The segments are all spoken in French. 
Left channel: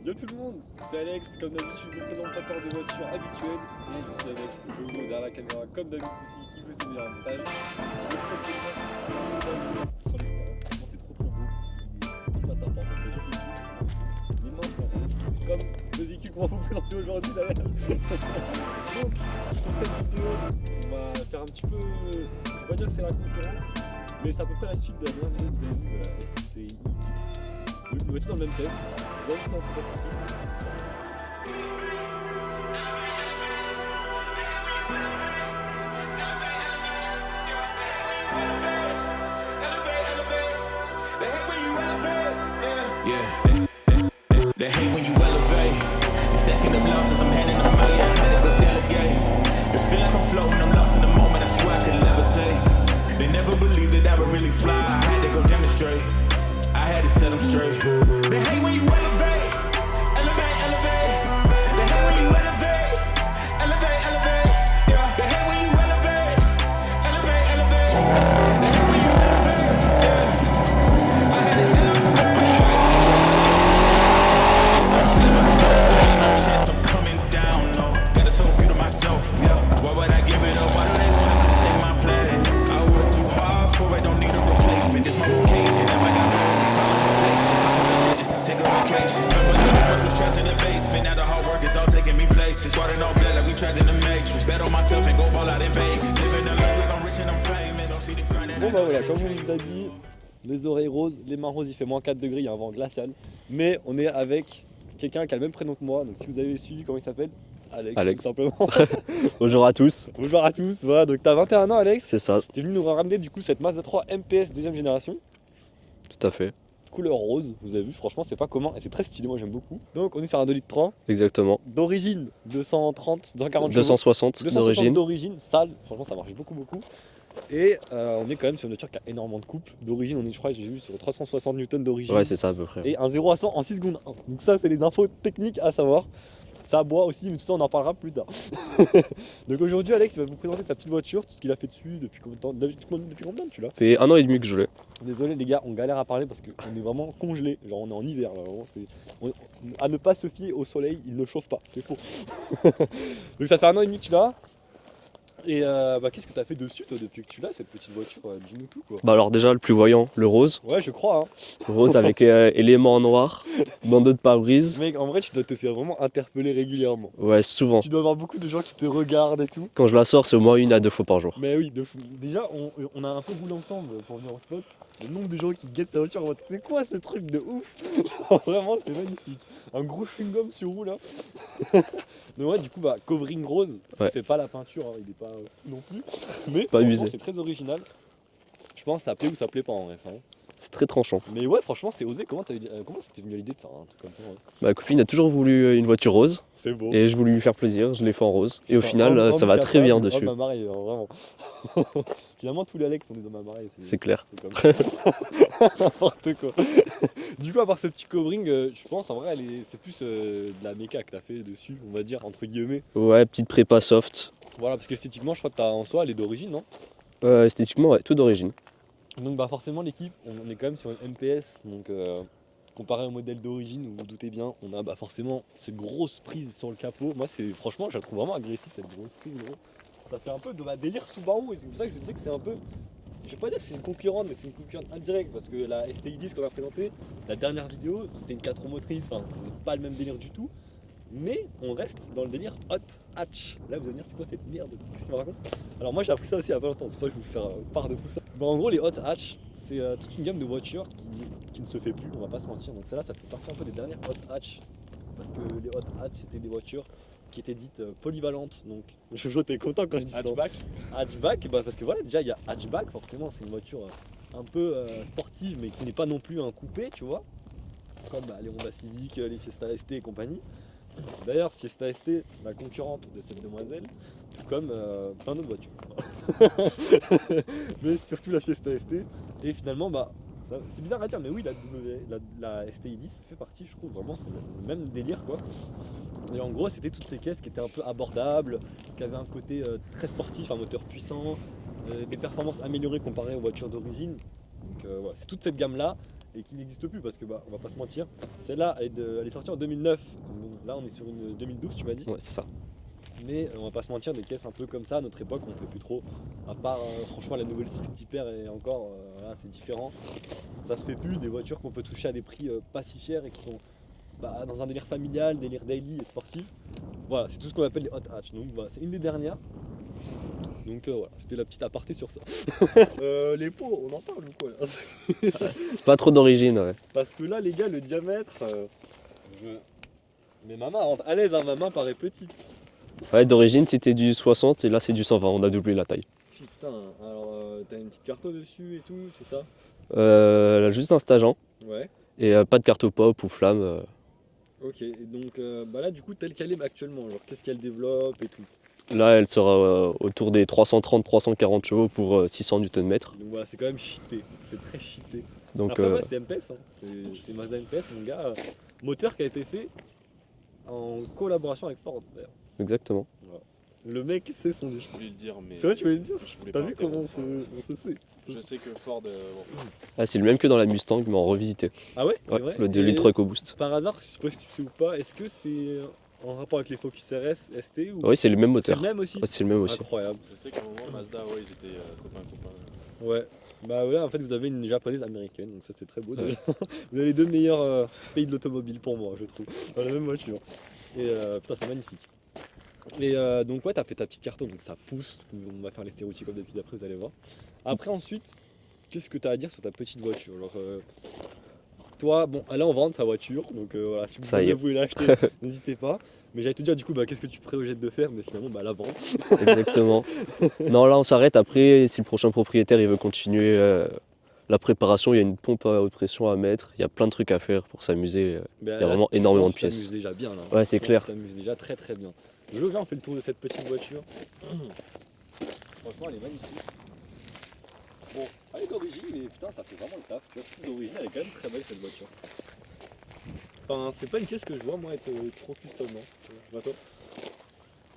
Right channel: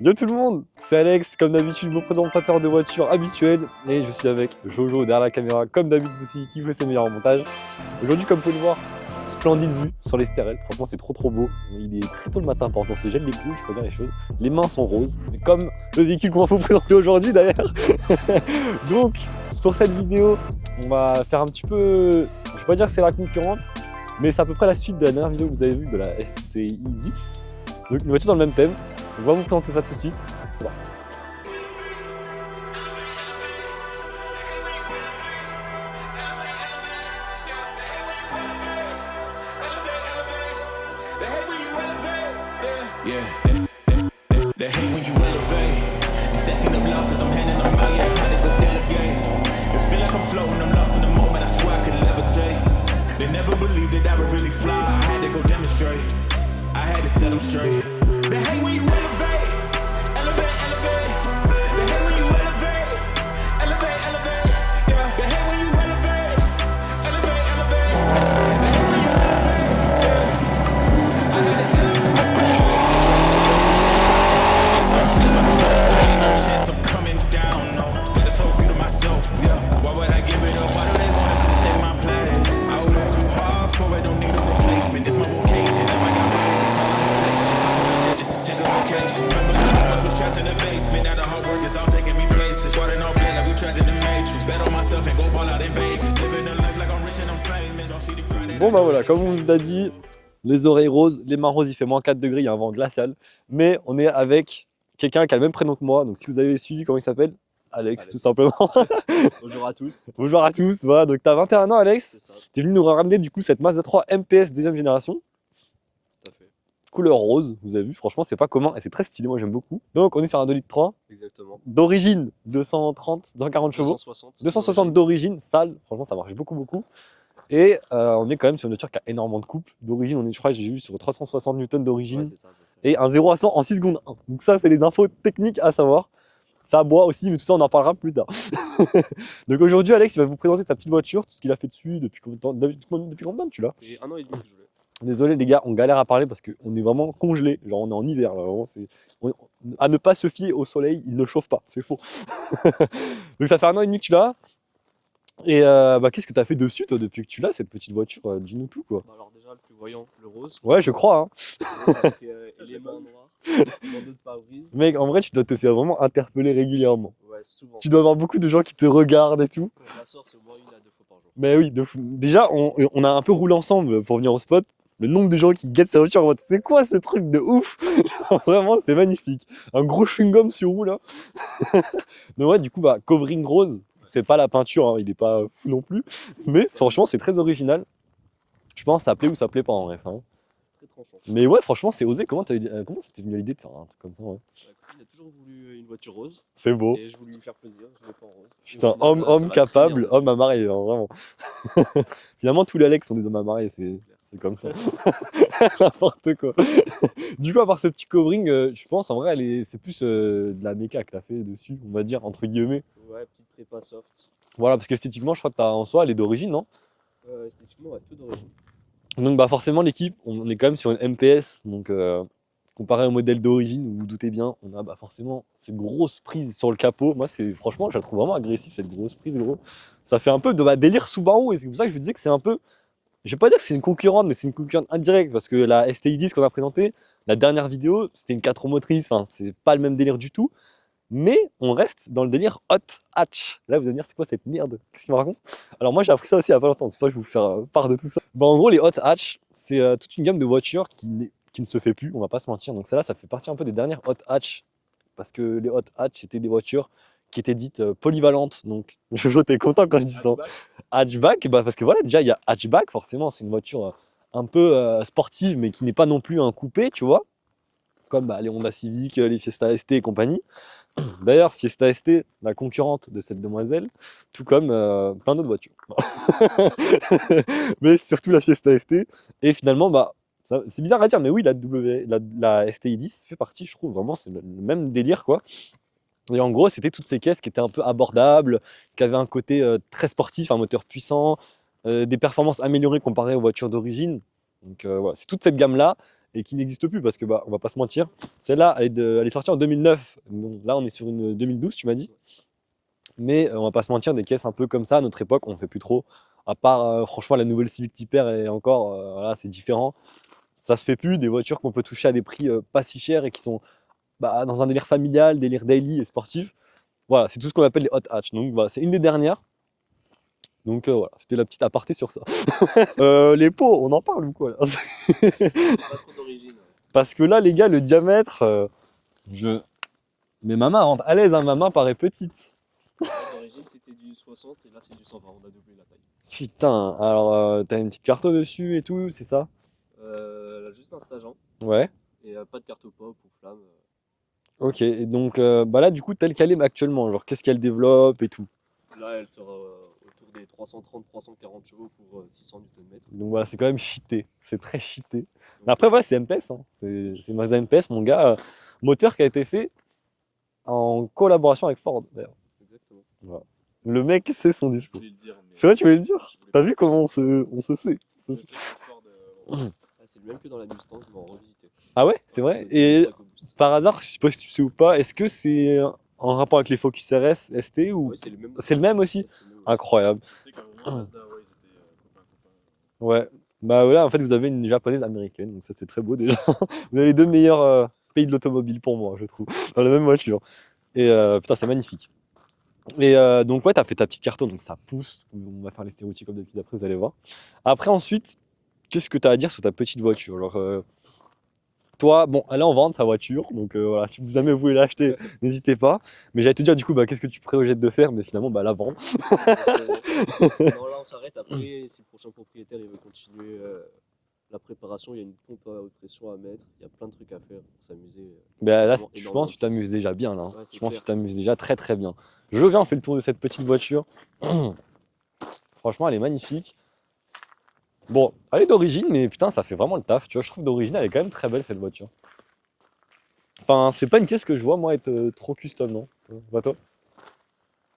Yo tout le monde, c'est Alex, comme d'habitude mon présentateur de voiture habituel et je suis avec Jojo derrière la caméra comme d'habitude aussi qui fait ses meilleurs montages. Aujourd'hui comme vous pouvez le voir, splendide vue sur les stérelles, franchement c'est trop beau. Il est très tôt le matin pour on se gèle les couilles, il faut dire les choses. Les mains sont roses, comme le véhicule qu'on va vous présenter aujourd'hui d'ailleurs. Donc pour cette vidéo, on va faire un petit peu, je vais pas dire que c'est la concurrente, mais c'est à peu près la suite de la dernière vidéo que vous avez vue de la STI 10. Donc une voiture dans le même thème. On va vous présenter ça tout de suite. C'est parti. They hate when you elevate. Stacking up losses, I'm handing them out. Yeah, I had to go delegate. It feel like I'm floating, I'm lost in the moment. I swear I could levitate. They never believed that I would really fly. I had to go demonstrate. I had to set them straight. They hate when you elevate. Elevate, elevate. They hate when you elevate. Elevate, elevate. Yeah. They hate when you elevate. Elevate, elevate. They hate when you elevate. Yeah. I had to elevate. Ain't no chance I'm coming down, no. Got a soul view to myself, yeah. Why would I give it up? Why do they wanna come take my place? I work too hard for it, don't need a replacement. This my vocation. If I got priorities, all I'm patient. Just to take a vacation. Remember the moments was trapped in the basement. Now the hard work is all taking me places. Water all blood like we trapped in the matrix. Bet on myself and go ball out in Vegas. Living a life like I'm rich and I'm famous. Don't see the grind that I Bon bah know voilà, that comme on vous a dit, les oreilles roses, les mains roses, il fait moins 4 degrés, il y a un vent glacial. Mais on est avec quelqu'un qui a le même prénom que moi, donc si vous avez suivi, comment il s'appelle? Alex, tout simplement. Bonjour à tous. Bonjour à tous, voilà, donc t'as 21 ans Alex. C'est ça, T'es venu nous ramener du coup cette Mazda 3 MPS deuxième génération, tout à fait. couleur rose, vous avez vu, franchement c'est pas commun et c'est très stylé, moi j'aime beaucoup. Donc on est sur un 2 litres 3, Exactement. d'origine 230, 240 chevaux. 260 260 d'origine. d'origine, sale, franchement ça marche beaucoup. Et on est quand même sur une voiture qui a énormément de couple. D'origine, on est, je crois, j'ai vu sur 360 Newton d'origine. Ouais, c'est ça à peu près. Et un 0 à 100 en 6 secondes. Donc ça, c'est les infos techniques à savoir. Ça boit aussi, mais tout ça, on en parlera plus tard. Donc aujourd'hui, Alex, il va vous présenter sa petite voiture, tout ce qu'il a fait dessus, depuis combien de temps, depuis combien de temps tu l'as? Ça fait 1 an et demi que je l'ai. Désolé les gars, on galère à parler parce qu'on est vraiment congelé. Genre on est en hiver là, vraiment. À ne pas se fier au soleil, il ne chauffe pas, c'est faux. Donc ça fait 1 an et demi que tu l'as. Et qu'est-ce que tu as fait dessus toi depuis que tu l'as cette petite voiture? Dis-nous tout quoi. Bah alors déjà le plus voyant, le rose. Ouais, je crois. Hein. Le rose avec éléments en noir, bandeau de pare-brise. Mec, en vrai, tu dois te faire vraiment interpeller régulièrement. Ouais, souvent. Tu dois avoir beaucoup de gens qui te regardent et tout. Quand je la sors, c'est au moins 1 à 2 fois par jour. Mais oui, de fou. Déjà, on a un peu roulé ensemble pour venir au spot. Le nombre de gens qui guettent sa voiture en mode c'est quoi ce truc de ouf? Vraiment, c'est magnifique. Un gros chewing-gum sur roue là. Donc ouais, du coup, covering rose, Ouais. c'est pas la peinture, hein, il est pas fou non plus. Mais Pas franchement, usé. c'est très original. Je pense que ça plaît ou ça plaît pas en vrai. Ça, hein. C'est très tranchant. Mais ouais, franchement, c'est osé. Comment c'était venu l'idée de faire un truc comme ça? Hein? Ma copine a toujours voulu une voiture rose C'est beau. et je voulais lui faire plaisir, je l'ai fait en rose. Et au Putain, final, ça va très bien dessus. Homme à marier, hein, vraiment. Finalement, tous les Alex sont des hommes à marier. C'est clair. C'est comme ça. N'importe quoi. Du coup, à part ce petit covering, je pense en vrai, c'est plus de la méca que t'as fait dessus, on va dire, entre guillemets. Ouais, petite prépa soft. Voilà, parce qu'esthétiquement, je crois que en soi, elle est d'origine, non? Esthétiquement, ouais, tout d'origine. Donc, forcément, l'équipe, on est quand même sur une MPS. Donc, comparé au modèle d'origine, vous vous doutez bien, on a forcément cette grosse prise sur le capot. Moi, franchement, je la trouve vraiment agressive, cette grosse prise, gros. Ça fait un peu de délire Subaru, et c'est pour ça que je vous disais que c'est un peu. Je vais pas dire que c'est une concurrente, mais c'est une concurrente indirecte parce que la STI 10 qu'on a présentée, la dernière vidéo, c'était une 4 roues motrices, enfin c'est pas le même délire du tout. Mais on reste dans le délire hot hatch. Là vous allez me dire c'est quoi cette merde? Qu'est-ce qu'il me raconte? Alors moi j'ai appris ça aussi il y a pas longtemps, c'est pour ça que je vais vous faire part de tout ça. En gros les hot hatch, c'est toute une gamme de voitures qui ne se fait plus, on va pas se mentir. Donc celle-là ça fait partie un peu des dernières hot hatch. Parce que les hot hatch c'était des voitures qui étaient dites polyvalentes. Donc Jojo t'es content quand je dis ça. Hatchback, parce que voilà, déjà il y a hatchback, forcément, c'est une voiture un peu sportive, mais qui n'est pas non plus un coupé, tu vois, comme les Honda Civic, les Fiesta ST et compagnie. D'ailleurs, Fiesta ST, la concurrente de cette demoiselle, tout comme plein d'autres voitures. Mais surtout la Fiesta ST. Et finalement, c'est bizarre à dire, mais oui, la STI 10 fait partie, je trouve, vraiment, c'est le même délire, quoi. Et en gros, c'était toutes ces caisses qui étaient un peu abordables, qui avaient un côté très sportif, un moteur puissant, des performances améliorées comparées aux voitures d'origine. Donc voilà, c'est toute cette gamme-là. et qui n'existe plus parce que bah on va pas se mentir, celle-là elle est sortie en 2009. Bon, là on est sur une 2012 tu m'as dit. Ouais, c'est ça. Mais on va pas se mentir, des caisses un peu comme ça à notre époque on fait plus trop. À part franchement la nouvelle Civic Type-R et encore voilà, c'est différent. Ça se fait plus, des voitures qu'on peut toucher à des prix pas si chers et qui sont bah, dans un délire familial, délire daily et sportif. Voilà, c'est tout ce qu'on appelle les hot hatch. Donc voilà, c'est une des dernières. Donc voilà, c'était la petite aparté sur ça. Les pots, on en parle ou quoi là? C'est pas trop d'origine, ouais. Parce que là les gars, le diamètre, mais ma main rentre à l'aise, hein, ma main paraît petite. Ouais, d'origine, c'était du 60 et là, c'est du 120. On a doublé la taille. Putain, alors t'as une petite carte dessus et tout, c'est ça? Elle a juste un stageant Ouais. et pas de carte pop ou flamme. Ok, et donc bah là du coup telle qu'elle est actuellement, genre qu'est-ce qu'elle développe et tout. Là, elle sera autour des 330-340 chevaux pour 600 Nm. Donc voilà, c'est quand même cheaté, c'est très cheaté. Donc, Après ouais, c'est MPS, hein. C'est Mazda MPS mon gars, moteur qui a été fait en collaboration avec Ford d'ailleurs. exactement. Le mec sait son Je discours. voulais le dire, mais C'est vrai tu voulais le dire? je voulais T'as pas vu le comment dire. on se sait? Je sais que Ford. Bon. Ah, c'est le même que dans la Mustang, mais en revisité. Ah ouais, Ouais, c'est vrai? Le Et 2003 EcoBoost. par hasard, je sais pas si tu sais ou pas, est-ce que c'est en rapport avec les Focus RS ST ou Oui, c'est le même c'est moteur. le même aussi? Ouais, c'est le même aussi. Incroyable. Je sais qu'à un moment, Mazda, ouais, ils étaient copains. Ouais. Bah voilà, en fait vous avez une japonaise américaine, donc ça c'est très beau déjà. Vous avez les deux meilleurs pays de l'automobile pour moi, je trouve, dans la même voiture. Et putain, c'est magnifique. Et donc ouais, t'as fait ta petite carton, donc ça pousse. On va faire les stéréotypes comme d'habitude après, vous allez voir. Après ensuite, qu'est-ce que t'as à dire sur ta petite voiture? Genre, toi, bon, elle est en vente ta voiture, donc voilà, si vous Ça y jamais est. vous voulez l'acheter, n'hésitez pas. Mais j'allais te dire du coup, bah, qu'est-ce que tu projettes de faire? Mais finalement, bah la vente. Exactement. Non, là, on s'arrête. Après, si le prochain propriétaire il veut continuer la préparation, il y a une pompe à haute pression à mettre. Il y a plein de trucs à faire pour s'amuser. Bah, Il y a là, vraiment je énormément pense de que tu t'amuses pièces. déjà bien là. Ouais, c'est Je pense clair. que tu t'amuses déjà très très bien. Je viens, on fait le tour de cette petite voiture. Franchement, elle est magnifique. Bon, elle est d'origine, mais putain, ça fait vraiment le taf. Tu vois, je trouve d'origine, elle est quand même très belle cette voiture. Enfin, c'est pas une caisse que je vois moi être trop custom, non? Je vois toi.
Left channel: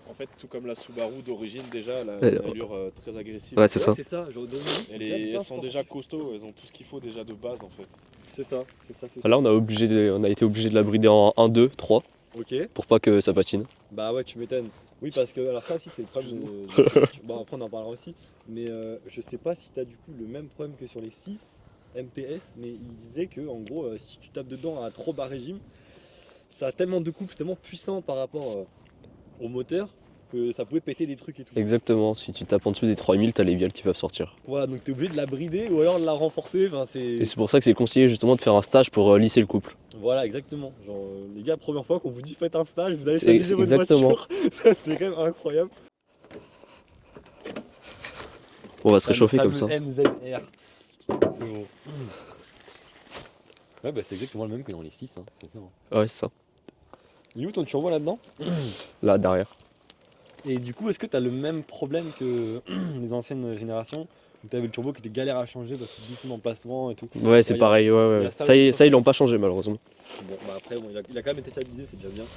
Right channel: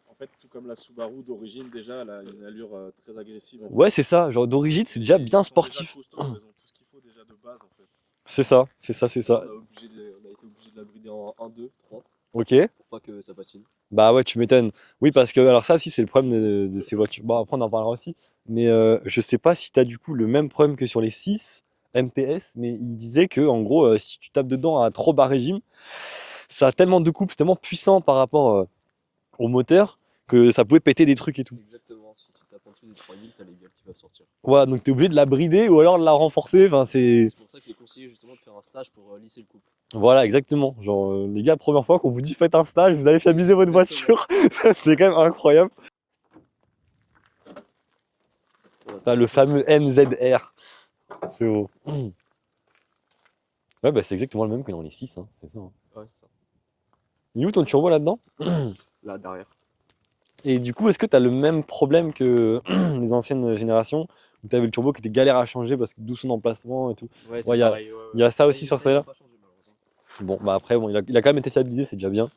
En fait, tout comme la Subaru d'origine, déjà, elle a Elle- une allure très agressive. Ouais, c'est Ouais, ça. c'est ça. Genre d'origine, c'est Et déjà elles bien sont déjà sportif. costauds, elles ont tout ce qu'il faut déjà de base en fait. C'est ça, c'est ça, c'est Là, ça. on a été obligé de la brider en 1, 2, 3 Ok. pour pas que ça patine. Bah ouais, tu m'étonnes. Oui, parce que alors ça, si c'est le problème de ces voitures. Bon, après on en parlera aussi. Mais je sais pas si t'as du coup le même problème que sur les 6 MPS, mais il disait que en gros, si tu tapes dedans à trop bas régime, ça a tellement de couple, c'est tellement puissant par rapport au moteur que ça pouvait péter des trucs et tout. Exactement. Si tu tapes en dessous des 3000, t'as les viales qui peuvent sortir. Ouais, donc t'es obligé de la brider ou alors de la renforcer. Enfin, c'est. Et c'est pour ça que c'est conseillé justement de faire un stage pour lisser le couple. Voilà, exactement. Genre, les gars, première fois qu'on vous dit faites un stage, vous allez C'est stabiliser votre exactement. voiture. C'est quand même incroyable. On va se Ça, le réchauffer comme fameux ça. MZR. C'est gros. Ouais, bah c'est exactement le même que dans les 6. Hein. C'est ça, hein. Ouais, c'est ça. Il est où ton turbo là-dedans? Là, derrière. Et du coup, est-ce que tu as le même problème que les anciennes générations où tu avais le turbo qui était galère à changer parce que doucement d'emplacement et tout? Ouais, c'est Ouais, y a- pareil. Ouais, y a ouais. ça aussi sur Ça, ils ça. l'ont pas changé malheureusement. Bon, bah après, bon, il a quand même été fiabilisé, c'est déjà bien.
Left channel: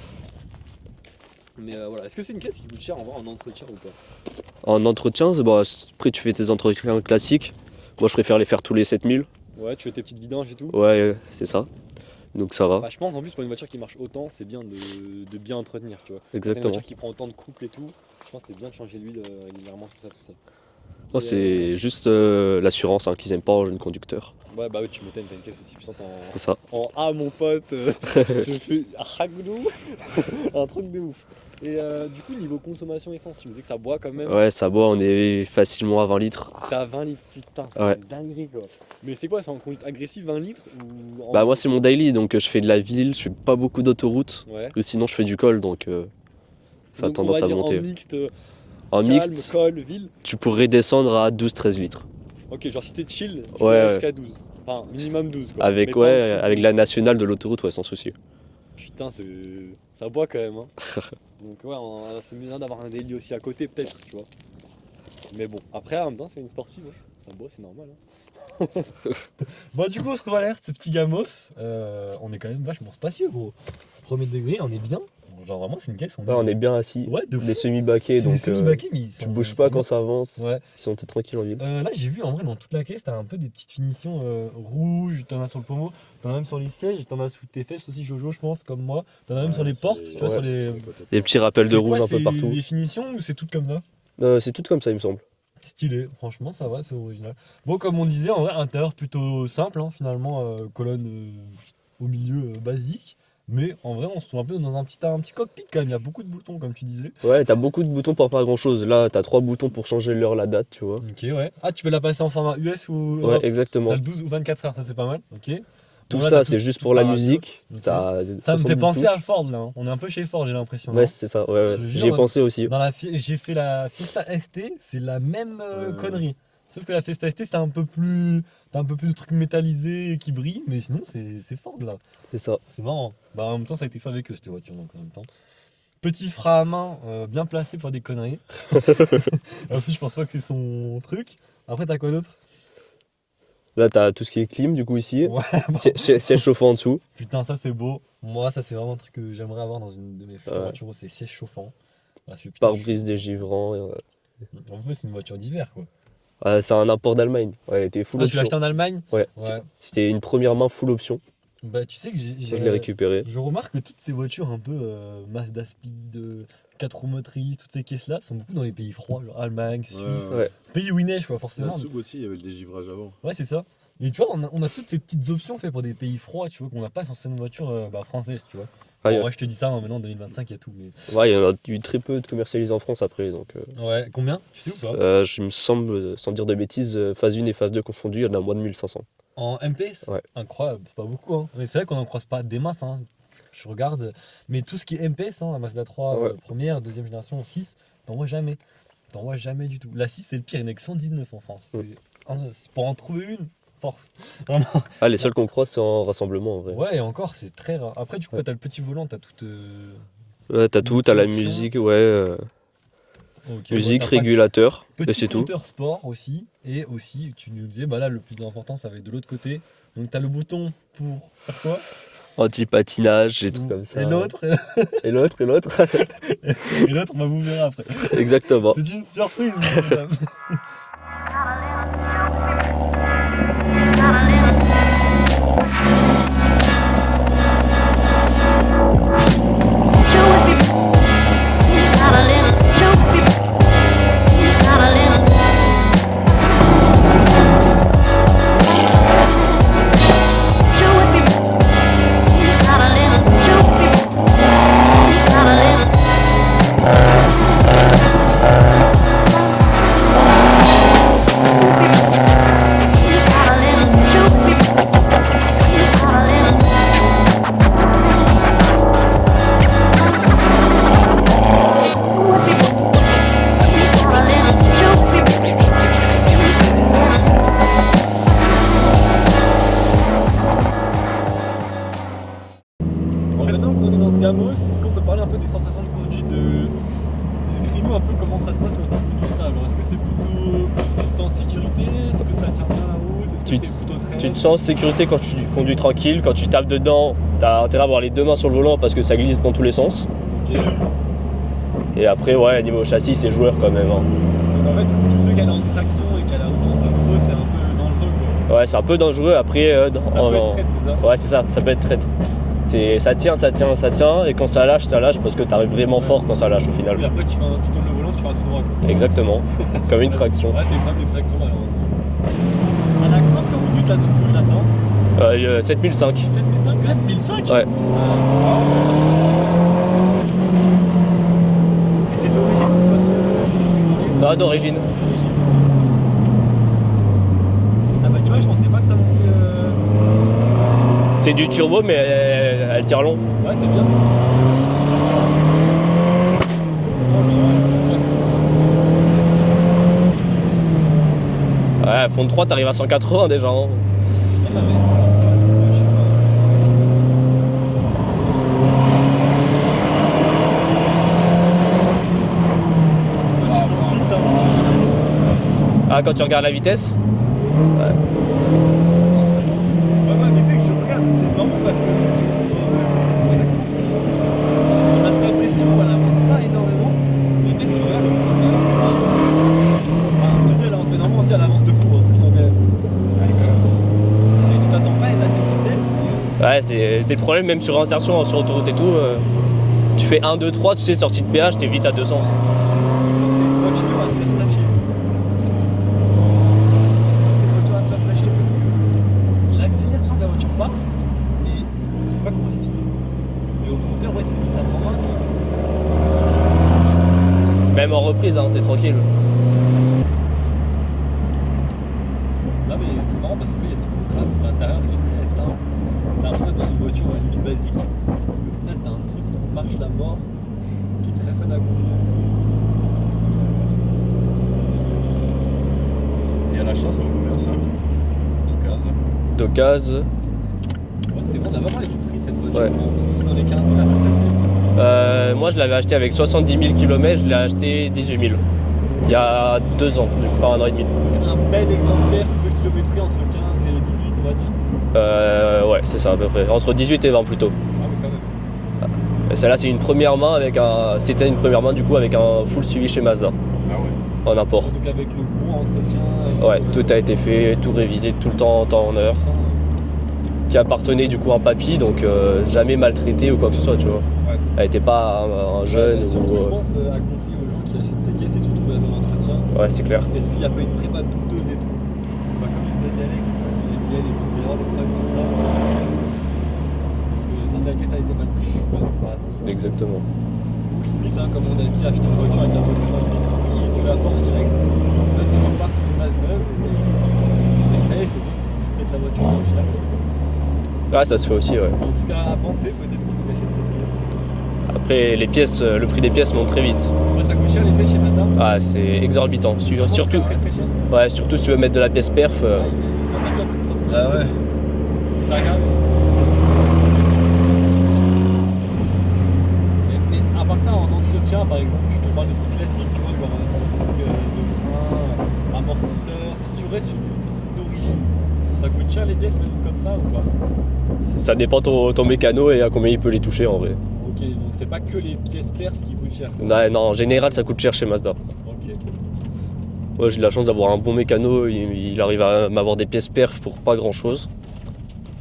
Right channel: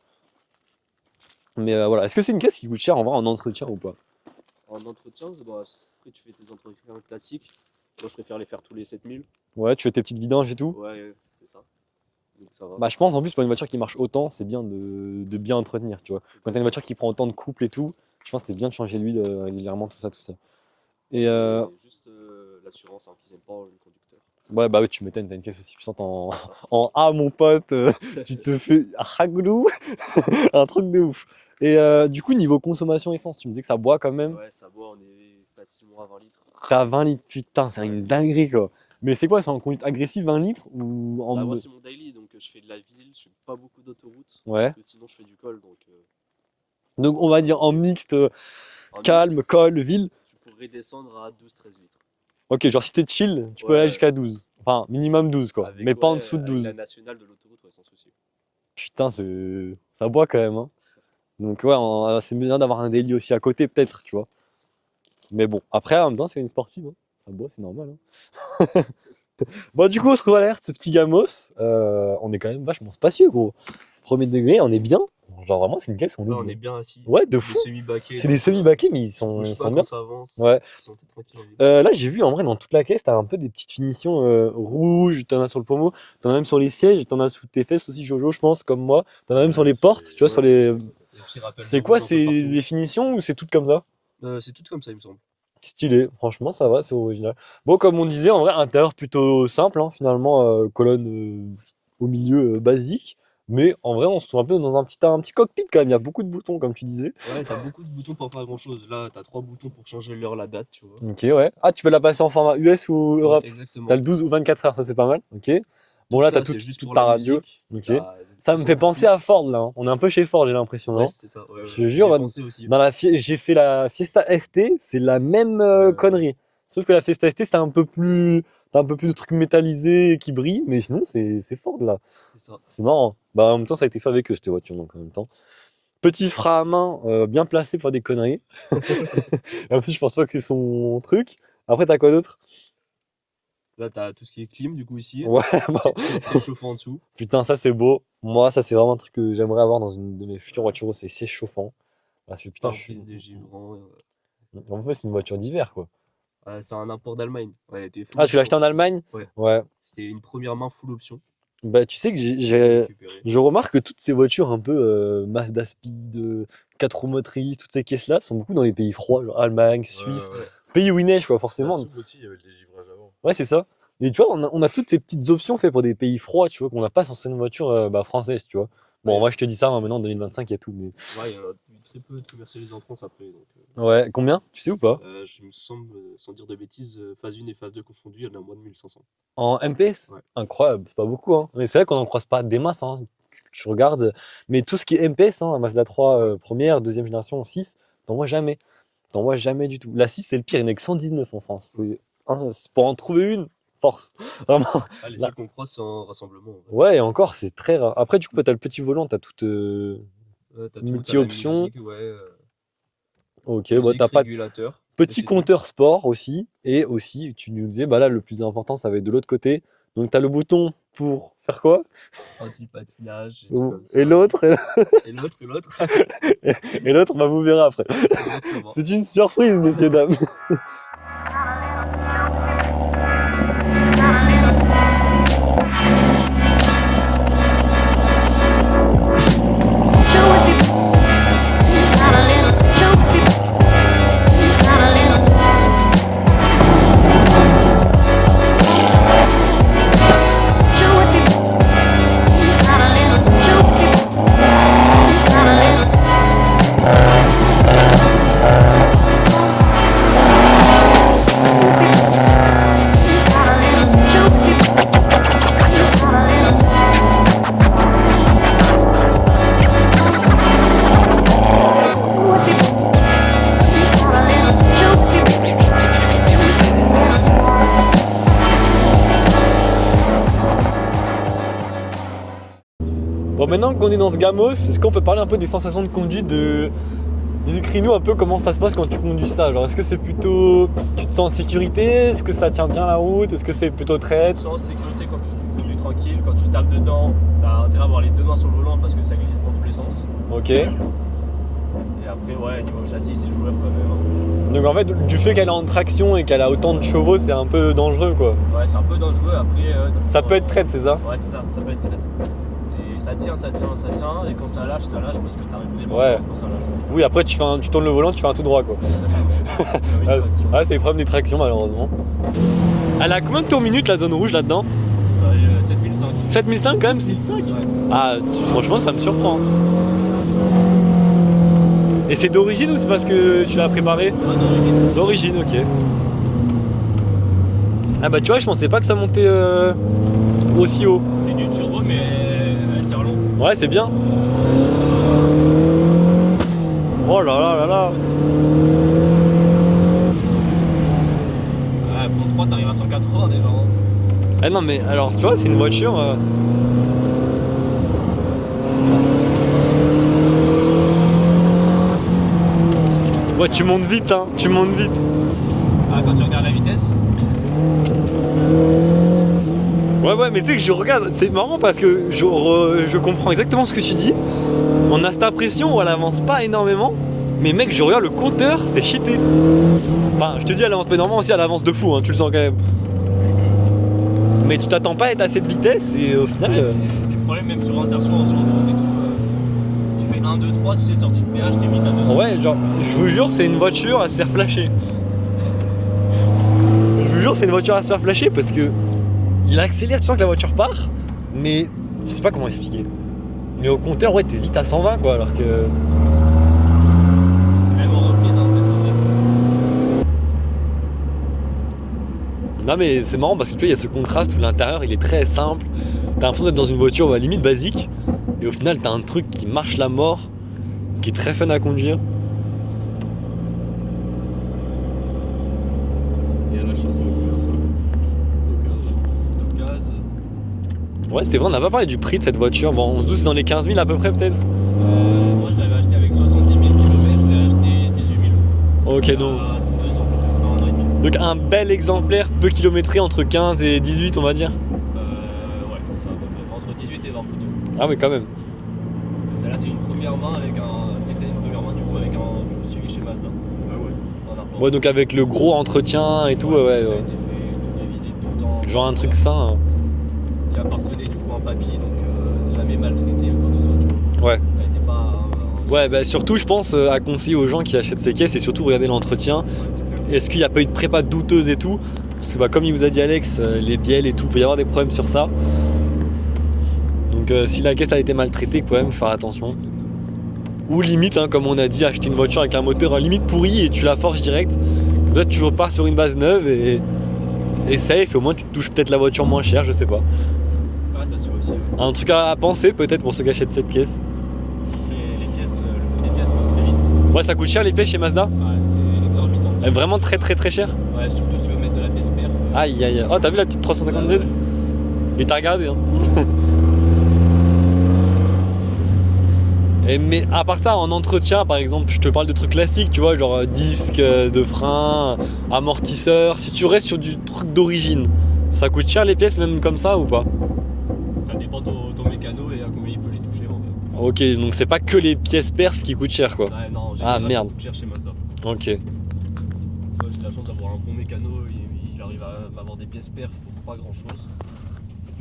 Mais voilà, est-ce que c'est une caisse qui coûte cher en vrai en entretien ou pas? En entretien, bah, après tu fais tes entretiens classiques. Moi, je préfère les faire tous les 7000. Ouais, tu fais tes petites vidanges et tout? Ouais, c'est ça. Donc ça va. Bah, je pense en plus pour une voiture qui marche autant, c'est bien de bien entretenir, tu vois. Quand t'as une Exactement. voiture qui prend autant de couple et tout, je pense que c'est bien de changer l'huile régulièrement, tout ça, tout ça. Moi, Et, c'est juste l'assurance qu'ils aiment pas en jeune conducteur. ouais, bah oui, tu m'étonnes, t'as une caisse aussi puissante en, C'est ça. en A, mon pote. Je te fais ragoulou, un truc de ouf. Et du coup, niveau consommation essence, tu me disais que ça boit quand même. Ouais, ça boit, on est facilement à 20 litres. T'as 20 litres, putain, c'est Ouais. une dinguerie quoi. Mais c'est quoi, c'est en conduite agressive 20 litres ou en... Bah, moi, c'est mon daily, donc je fais de la ville, je fais pas beaucoup d'autoroute. Ouais. Ou sinon, je fais du col, donc ça a Donc on tendance va à dire en monter. mixte, En calme, mixte, col, ville. tu pourrais descendre à 12-13 litres. Ok, genre si t'es chill, tu peux Ouais. aller jusqu'à 12. Enfin, minimum 12 quoi. Avec, Mais pas en dessous de avec 12. la nationale de l'autoroute, ouais, sans souci. Putain, ça boit quand même. Hein. Donc ouais, c'est bien d'avoir un daily aussi à côté peut-être, tu vois. Mais bon, après en même temps c'est une sportive, ouais. Ça boit, c'est normal. Hein. Bon du coup on se retrouve à l'air de ce petit gamos. On est quand même vachement spacieux gros. Premier degré, on est bien. Genre vraiment, c'est une caisse où Là, on est bien assis. Ouais, de Les fou. semi-baquets. C'est des donc, semi-baquets, mais ils Tu sont. bouges sont pas bien. quand ça avance. Ouais. Si on t'es tranquille en ville. Là, j'ai vu en vrai dans toute la caisse, t'as un peu des petites finitions rouges, t'en as sur le pommeau, t'en as même sur les sièges, t'en as sous tes fesses aussi, Jojo, je pense, comme moi. T'en as même sur les portes, tu vois, sur les. Des petits rappels de C'est quoi, rouge un peu c'est partout. des finitions ou c'est tout comme ça? C'est tout comme ça, il me semble. Stylé, franchement, ça va, c'est original. Bon, comme on disait, en vrai, intérieur plutôt simple, hein, finalement, colonne au milieu basique. Mais en vrai, on se trouve un peu dans un petit cockpit quand même. Il y a beaucoup de boutons, comme tu disais. Ouais, t'as beaucoup de boutons pour pas grand chose. Là, t'as 3 boutons pour changer l'heure, la date, tu vois. Ok, ouais. Ah, tu peux la passer en format US ou Ouais, Europe? exactement. T'as le 12 ou 24 heures, ça c'est pas mal. Ok. Tout Bon, là, ça, t'as c'est juste toute pour ta la radio. musique. Ok. T'as Ça me fait 70 penser à touches. Ford là. Hein. On est un peu chez Ford, j'ai l'impression. Ouais, non c'est ça. Ouais, Je te ouais. jure, J'y ai pensé aussi. Dans j'ai fait la Fiesta ST, c'est la même connerie. Sauf que la Fiesta ST, c'est un peu plus. T'as un peu plus de trucs métallisés qui brillent, mais sinon, c'est Ford là. C'est ça. C'est marrant. Bah, en même temps, ça a été fait avec eux, cette voiture, donc en même temps. Petit frein à main, bien placé pour faire des conneries. Et en plus, je pense pas que c'est son truc. Après, t'as quoi d'autre? Là, t'as tout ce qui est clim, du coup, ici. Ouais, bon. Siège chauffant en dessous. Putain, ça c'est beau. Moi, ça c'est vraiment un truc que j'aimerais avoir dans une de mes futures Ouais. voitures, c'est siège chauffant. Parce que putain, Pare-brise dégivrant. en fait, c'est une voiture d'hiver quoi. C'est un import d'Allemagne. Ouais, elle était full Ah, tu l'as acheté option. en Allemagne? Ouais. Ouais. C'était une première main full option. Bah, tu sais que J'ai récupéré. je remarque que toutes ces voitures un peu Mazda Speed, 4 roues motrices, toutes ces caisses-là sont beaucoup dans les pays froids, genre Allemagne, Suisse, Ouais. pays où il neige quoi, La forcément. soupe aussi, il y avait le dégivrage avant. Ouais, c'est ça. Et tu vois, on a toutes ces petites options faites pour des pays froids, tu vois, qu'on n'a pas sur certaines voitures françaises, tu vois. Bon, Ouais. moi je te dis ça, hein, maintenant en 2025, il y a tout. Mais... Ouais, il y en a eu très peu de commercialisés en France après. Donc, Ouais, combien? Tu sais ou pas? je me semble, sans dire de bêtises, phase 1 et phase 2 confondues, il y en a moins de 1500. En MPS? Ouais. Incroyable, c'est pas beaucoup. Hein. Mais c'est vrai qu'on n'en croise pas des masses. Hein. Je regarde, mais tout ce qui est MPS, hein, Mazda 3, Ouais. première, deuxième génération, 6, t'en vois jamais. T'en vois jamais du tout. La 6, c'est le pire, il n'y en a que 119 en France. C'est pour en trouver une, force. Vraiment. Ah, les seuls qu'on croise, c'est en rassemblement en vrai. Ouais, et encore, c'est très rare. Après, du coup, t'as le petit volant, t'as toute. Ouais, t'as tout, t'as la multi-option. musique, ouais. Ok, Musique, t'as pas de régulateur. et petit c'est tout. compteur sport aussi. Et aussi, tu nous disais, bah là, le plus important, ça va être de l'autre côté. Donc, t'as le bouton pour faire quoi? Anti-patinage, des trucs comme ça. Et l'autre, Et l'autre, et l'autre. et l'autre, bah, vous verrez après. Exactement. C'est une surprise, messieurs, dames. Bon, maintenant qu'on est dans ce gamos, est-ce qu'on peut parler un peu des sensations de conduite Décris-nous un peu comment ça se passe quand tu conduis ça. Genre, est-ce que c'est plutôt. Tu te sens en sécurité? Est-ce que ça tient bien la route? Est-ce que Tu c'est te- plutôt Tu traître? te sens en sécurité quand tu conduis tranquille. Quand tu tapes dedans, t'as intérêt à avoir les deux mains sur le volant parce que ça glisse dans tous les sens. Ok. Et après, ouais, niveau châssis, c'est joueur quand même. Hein. Donc en fait, du fait qu'elle est en traction et qu'elle a autant de chevaux, c'est un peu dangereux quoi. Ouais, c'est un peu dangereux. Après, Ça peut être traître, c'est ça? Ouais, c'est ça, ça peut être traître. Ça tient, et quand ça lâche parce que t'arrives vraiment Ouais. fort quand ça lâche au final. Oui, après tu tournes le volant, tu fais un tout droit quoi. Exactement, comme une Ah, traction. Ah, c'est le problème des tractions malheureusement. Elle a combien de tours minutes la zone rouge là-dedans? 7005. 7005 quand même, c'est le 5? Ouais. Ah, franchement, ça me surprend. Et c'est d'origine ou c'est parce que tu l'as préparé? Non, d'origine. D'origine, ok. Ah bah tu vois, je pensais pas que ça montait aussi haut. C'est du turbo, mais elle tire long. Ouais, c'est bien. Oh là là là là. Ouais, fond de 3, t'arrives à 180 déjà. Hein. Ah non mais alors tu vois, c'est une voiture... Ouais, tu montes vite, hein, tu montes vite. Ah, quand tu regardes la vitesse. Ouais, mais tu sais que je regarde, c'est marrant parce que je comprends exactement ce que tu dis. on a cette impression où elle avance pas énormément, mais mec, je regarde le compteur, c'est cheaté. Enfin, je te dis, elle avance pas énormément, aussi elle avance de fou, hein, tu le sens quand même. Mais tu t'attends pas à être à cette vitesse et au final. Ouais, c'est le problème, même sur insertion, sur autoroute et tout. Tu fais 1, 2, 3, tu sais, sortie de péage, t'es vite à 200. Ouais, genre, je vous jure, c'est une voiture à se faire flasher. Je vous jure, c'est une voiture à se faire flasher parce que il accélère, tu sens que la voiture part, mais je sais pas comment expliquer. Mais au compteur, ouais, t'es vite à 120 quoi, alors que. Même en reprise, hein, t'es tranquille. Non, mais c'est marrant parce que tu vois, il y a ce contraste où l'intérieur il est très simple. T'as l'impression d'être dans une voiture à limite basique, et au final, t'as un truc qui marche la mort, qui est très fun à conduire. Et à l'achat, ça vaut combien ça? D'occasion. Ouais, c'est vrai, on n'a pas parlé du prix de cette voiture. Ouais. Bon, on se doute c'est dans les 15 000 à peu près, peut-être. Moi, je l'avais acheté avec 70 000 km, je l'ai acheté 18 000. Ok, Il y a 2 ans, enfin 1 an et demi. donc un bel exemplaire, peu kilométré, entre 15 et 18, on va dire. Ouais, c'est ça à peu près. Entre 18 et 20 plutôt. Ah, mais quand même. Et celle-là, c'est une première main avec un. C'était une première main du coup avec un full suivi chez Mazda Ah ouais. en import. Ouais, donc avec le gros entretien et tout. Ouais, tout a été fait, tout révisé tout le temps, Genre temps un en heure. truc sain. Hein. Qui appartenait du coup à papy, donc jamais maltraité ou quoi que ce soit, tu vois. Ouais. Elle était pas un Ouais, jeune bah ou- surtout, je pense à conseiller aux gens qui achètent ces caisses et surtout regarder l'entretien. Ouais, c'est clair. Est-ce qu'il n'y a pas eu de prépa douteuse et tout? Parce que, bah, comme il vous a dit Alex, les bielles et tout, il peut y avoir des problèmes sur ça. Donc, si la caisse a été maltraitée, quand même, faire attention. Exactement. Ou limite, hein, comme on a dit, acheter une voiture avec un moteur limite pourri et tu la forges direct. Comme ça, tu repars sur une base neuve et safe. Au moins, tu te touches peut-être la voiture moins chère, je sais pas. Ouais, ça se fait aussi, ouais. Un truc à penser peut-être pour ceux qui achètent cette pièce. Après, les pièces, le prix des pièces monte très vite. Ouais, ça coûte cher les pièces chez Mazda. Ah, c'est exorbitant. Elle est vraiment Surtout- très très très cher. Ouais, surtout si tu veux mettre de la pièce perf. Aïe aïe aïe. Oh, t'as vu la petite 350 Ah ouais. Mais t'as regardé, hein. Mais à part ça, en entretien, par exemple, je te parle de trucs classiques, tu vois, genre disque de frein, amortisseur. Si tu restes sur du truc d'origine, ça coûte cher les pièces même comme ça ou pas? Ça dépend ton mécano et à combien il peut les toucher en vrai. Ok, donc c'est pas que les pièces perf qui coûtent cher quoi. Ouais, non, en général, ça merde. coûte cher chez Mazda. Ok. Moi, j'ai de la chance d'avoir un bon mécano, il arrive à m'avoir des pièces perf pour pas grand chose.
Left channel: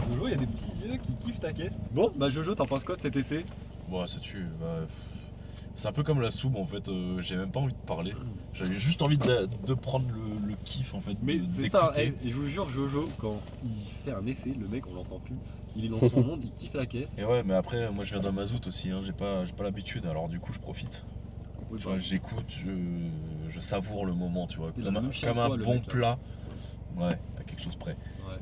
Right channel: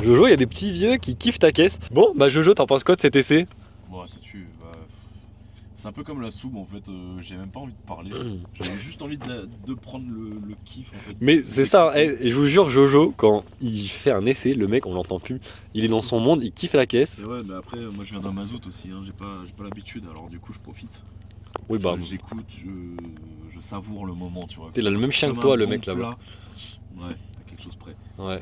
Jojo, il y a des petits vieux qui kiffent ta caisse. Bon, bah Jojo, t'en penses quoi de cet essai? Bon, ça tue. Bah, c'est un peu comme la soupe en fait. J'ai même pas envie de parler. J'avais juste envie de prendre le kiff en fait. Mais c'est ça, d'écouter. et je vous jure, Jojo, quand il fait un essai, le mec, on l'entend plus. Il est dans son monde, il kiffe la caisse. Et ouais, mais après, moi je viens d'un mazout aussi. Hein. J'ai pas l'habitude. Alors du coup, je profite. Oui, bah, J'écoute, je savoure le moment, tu vois. T'es là, le même chien Comme que toi, un le bon mec, là-bas. plat. Ouais, à quelque chose près. ouais.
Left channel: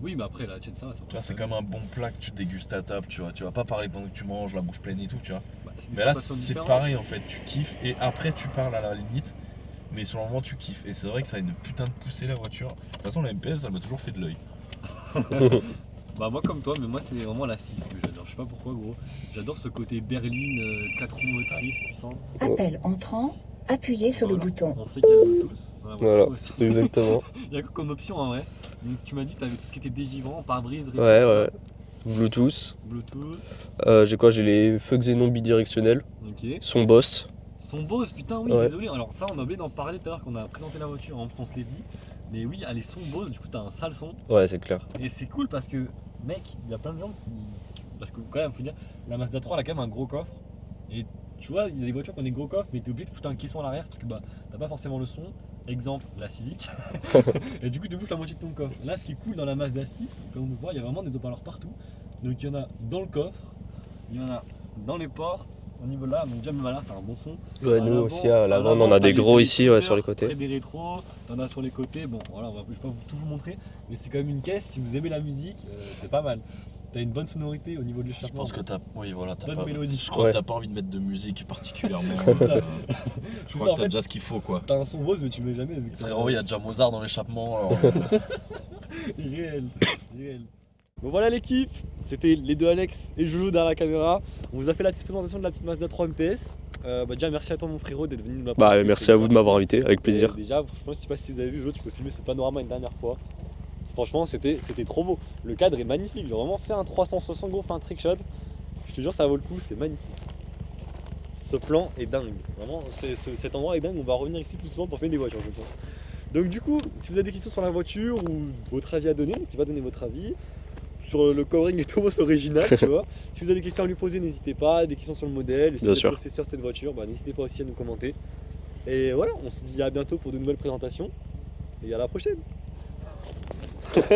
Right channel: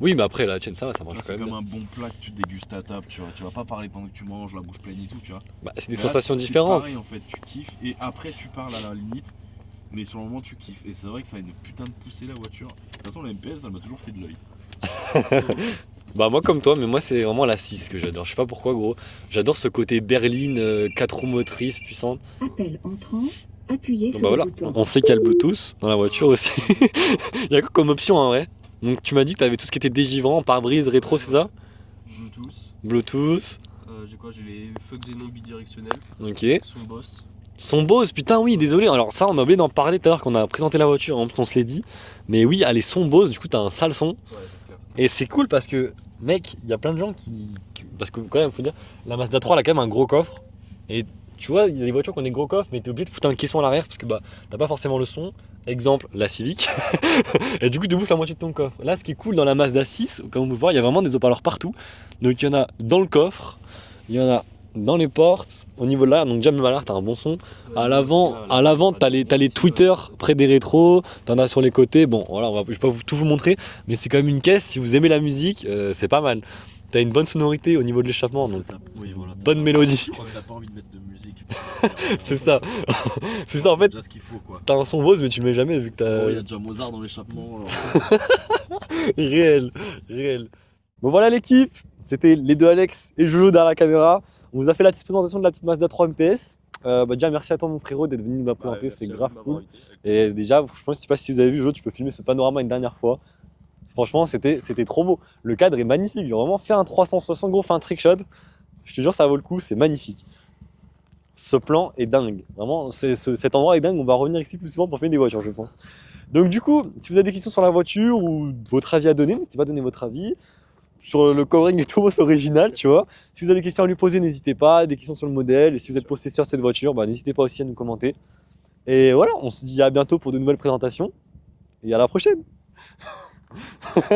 Oui, mais après, la tienne, ça va, ça Tu marche vois, quand c'est même. comme un bon plat que tu dégustes à table, tu vois. Tu vas pas parler pendant que tu manges, la bouche pleine et tout, tu vois. Bah, c'est des Mais là, sensations c'est différentes. pareil en fait, tu kiffes et après tu parles à la limite. Mais sur le moment, tu kiffes. Et c'est vrai que ça a une putain de poussée la voiture. De toute façon, la MPS, elle m'a toujours fait de l'œil. Bah, moi, comme toi, mais moi, c'est vraiment la 6 que j'adore. Je sais pas pourquoi, gros. J'adore ce côté berline, 4 roues motrices, puissante. Appel entrant, appuyez Bah, sur voilà. le bouton. On sait qu'il y a le Bluetooth dans la voiture Voilà. aussi. Exactement. Il y a quoi comme option en vrai? Donc, tu m'as dit que t'avais tout ce qui était dégivrant, pare-brise, rétro, Ouais, c'est ça? Bluetooth. Bluetooth. J'ai quoi? J'ai les feux xénon bidirectionnels. Ok. Son boss. Son Bose, putain, oui, Ouais. désolé. Alors, ça, on a oublié d'en parler tout à l'heure quand on a présenté la voiture, on se l'est dit. Mais oui, elle est son Bose, du coup, t'as un sale son. Ouais, c'est clair. Et c'est cool parce que, mec, il y a plein de gens parce que, quand même, faut dire, la Mazda 3, elle a quand même un gros coffre. Et tu vois, il y a des voitures qui ont des gros coffres, mais t'es obligé de foutre un caisson à l'arrière parce que, bah, t'as pas forcément le son. Exemple, la Civic. Et du coup, tu bouffes la moitié de ton coffre. Là, ce qui est cool dans la Mazda 6, comme on peut voir, il y a vraiment des haut-parleurs partout. Donc, il y en a dans le coffre, il y en a dans les portes, au niveau de l'arrière. Donc, déjà, même à l'arrière, t'as un bon son. À l'avant, t'as les tweeters près des rétros, t'en as sur les côtés. Bon, voilà, je vais pas tout vous montrer, mais c'est quand même une caisse. Si vous aimez la musique, c'est pas mal. T'as une bonne sonorité au niveau de l'échappement. Parce que donc t'as bonne mélodie. Je crois Ouais. que t'as pas envie de mettre de musique particulièrement. C'est ça. C'est ça, en fait. déjà ce qu'il faut quoi. T'as un son Bose, mais tu le mets jamais vu que t'as. Il y a déjà Mozart dans l'échappement. alors, Réel, réel. Bon, voilà l'équipe. C'était les deux Alex et Jojo derrière la caméra. On vous a fait la petite présentation de la petite Mazda 3 MPS. Déjà, merci à toi, mon frérot, d'être venu nous la Bah, présenter. merci C'est à vous grave de m'avoir cool. invité, avec Et plaisir. déjà, franchement, je sais pas si vous avez vu, Jojo, tu peux filmer ce panorama une dernière fois. Franchement, c'était trop beau. Le cadre est magnifique. J'ai vraiment fait un 360 gros, fait un trick shot. Je te jure, ça vaut le coup, c'est magnifique. Ce plan est dingue. Vraiment, cet endroit est dingue. On va revenir ici plus souvent pour filmer des voitures, je pense. Donc du coup, si vous avez des questions sur la voiture ou votre avis à donner, n'hésitez pas à donner votre avis. Sur le covering et Thomas original, tu vois. Si vous avez des questions à lui poser, n'hésitez pas. Des questions sur le modèle. Et si Bien vous êtes sûr. possesseur de cette voiture, bah, n'hésitez pas aussi à nous commenter. Et voilà, on se dit à bientôt pour de nouvelles présentations. Et à la prochaine.